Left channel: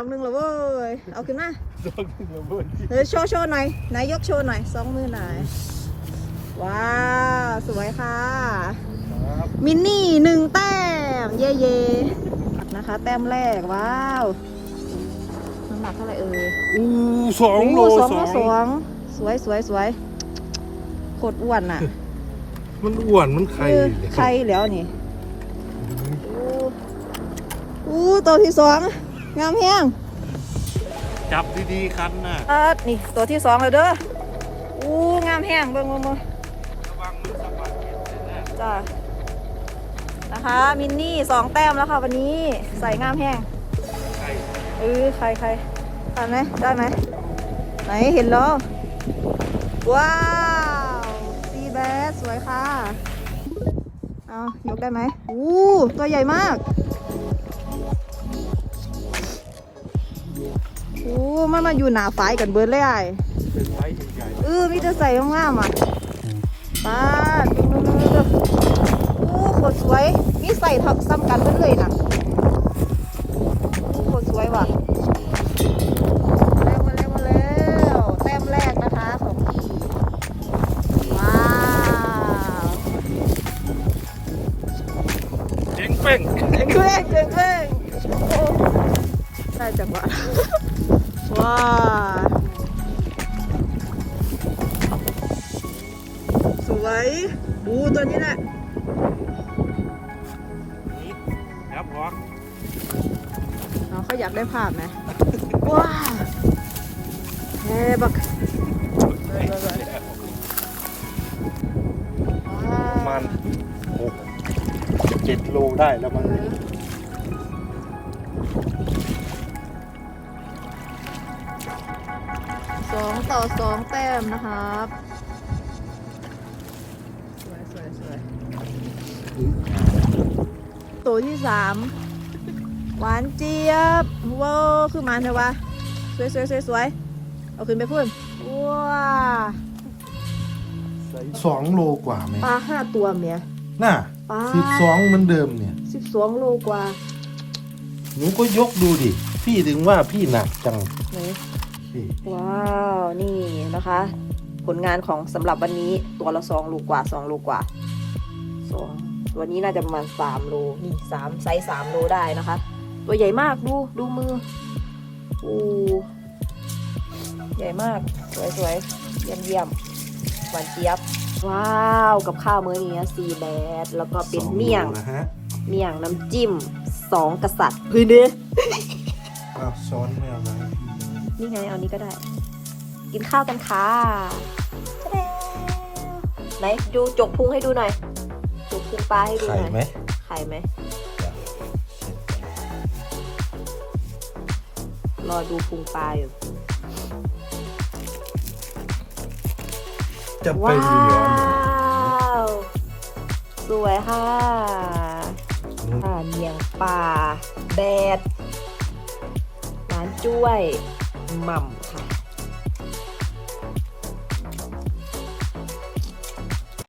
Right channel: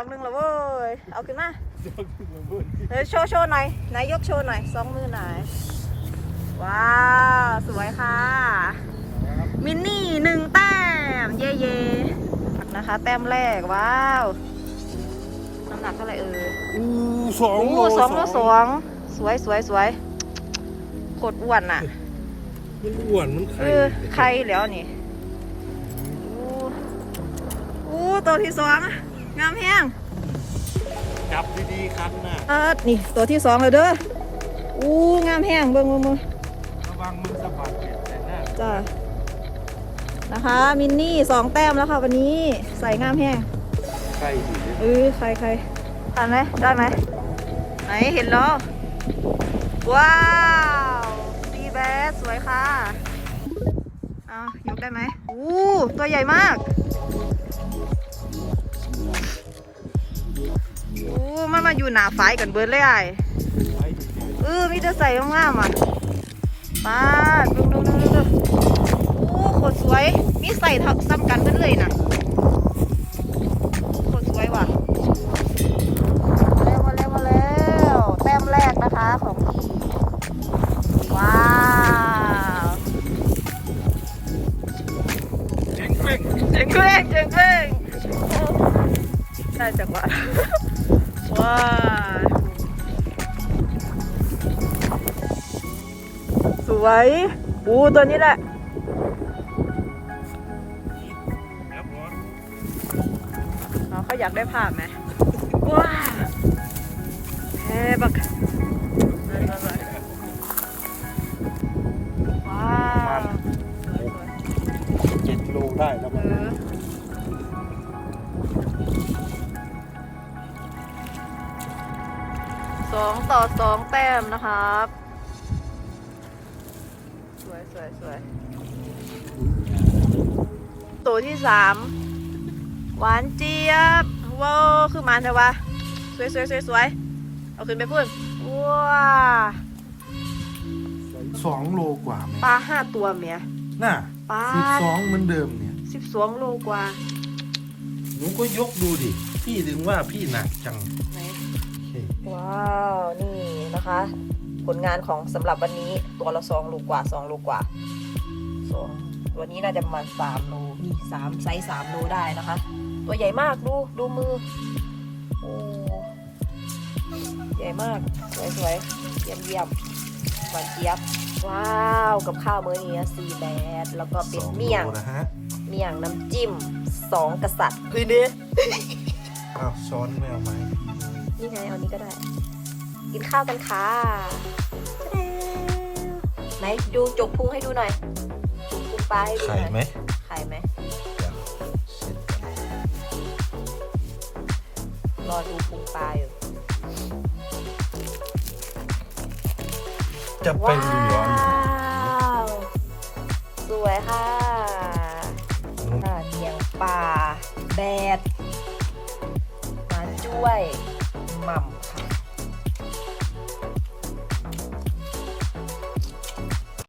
องหนึงแล้วเว้ย เอาขึ้นมาดอกหนึ่งระเบิดเดี๋ยวโชว์โชว์หน่อยไหนยกโชว์หน่อยสองมือหน่อย ว้าว สวยค่ะครับมินนี่หนึ่งแต้ม เย่เย่นะคะ แต้มแรก ว้าวน้ำหนักเท่าไหร่เอ่ยอู้สองโลโสองโลสองสวยสวยสวยโคตรอ้วนอะ มันอ้วนมันไข่เออไข่แล้วนี่อู้อู้ตัวที่สอง งามแห้งจับดีๆคันน่ะเออนี่ตัวที่สองเลยเด้ออู้งามแห้งเบิ่งเบิ่งเบิ่งจ้านะคะ มินนี่สองแต้มแล้วค่ะวันนี้ใส่งามแห้งไข่เออใครใครทันไหมได้ไหมไหนเห็นแล้วว้าวซีแบสสวยค่ะเอายกได้ไหมอู้ตัวใหญ่มาก อู้มันมาอยู่หนาฝายกันเบิร์ดเลยไอ้ไข่ใหญ่เออมีแต่ใส่งามๆอะป้าดดูดูดูดูอู้โคตรสวย มีใส่เท่าซ้ำกันเบิดเลยนะอู้โคตรสวยว่ะมาแล้วมาแล้วมาแล้วแต้มแรกนะคะของพี่ว้าวเจ๋งเป้งเจ๋งเป้งเจ๋งเป้งโอ้ได้จังหวะ ว้าวสวยอู้ตัวนี้แหละยับหรอน้องเขาอยากได้ภาพไหมว้าวเฮ้บักว้าวมันหกเจ็ดโลได้แล้วมัน สองต่อสองแต้มนะครับ สวยสวยสวยตัวที่สามหวานเจี๊ยบว้าวคือมันเถอะวะสวยสวยสวยสวยเอาขึ้นไปพุ่นว้าสองโลกว่าไหมปลาห้าตัวเมียน่ะปลาสิบสองเหมือนเดิมเนี่ยสิบสองโลกว่าหนูก็ยกดูดิ พี่ถึงว่าพี่หนักจังไหนเฮ้ยว้าวนี่นะคะ ผลงานของสำหรับวันนี้ตัวละสองโลกว่าสองโลกว่าสองตัวนี้น่าจะประมาณสามโลนี่สามไซส์สามโลได้นะคะ ตัวใหญ่มากดูดูมืออูใหญ่มากสวยๆเยี่ยมเยี่ยมหวานเจี๊ยบว้าวกับข้าวมื้อนี้ซีแบดแล้วก็เป็สนองโลเมี่ยงนะฮะเมี่ยงน้ำจิ้มสองกษัตริย์พื้นเด้ออ้าวช้อนไม่เอามาให้พี่เลยนี่ไงเอานี้ก็ได้ กินข้าวกันค่ะไหนดูจกพุงให้ดูหน่อยพุงปลาให้ดูน่ไข่อยไหมไข่ไหมรอดูพุงปลาอยู่จะไปเหลือหนูว้